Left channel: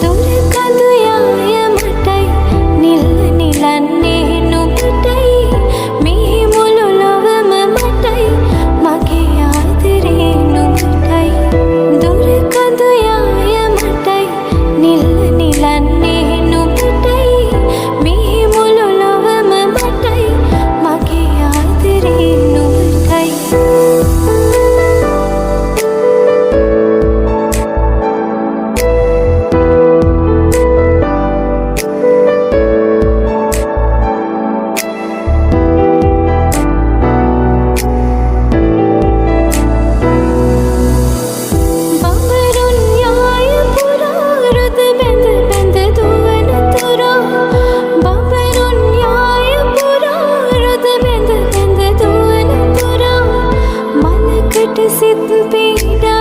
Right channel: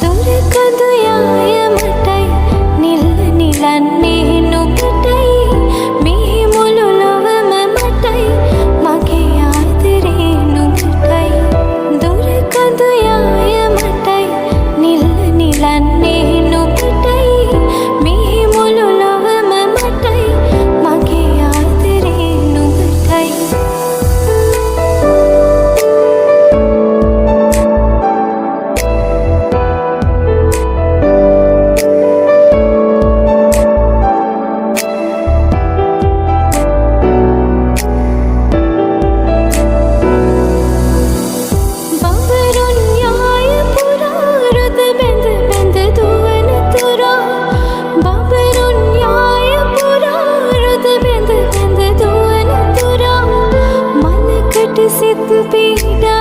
දුර කඳු යාය මටයි නිල්ල නිලන්නේ නුඹටයි මේ මුළු ලොවම මටයි මගේ ආදරේ නුඹටයි දුර කඳු යාය මටයි නිල්ල නිලන්නේ නුඹටයි මේ මුළු ලොවම මටයි මගේ ආදරේ නුඹටයි සිත් පීඩා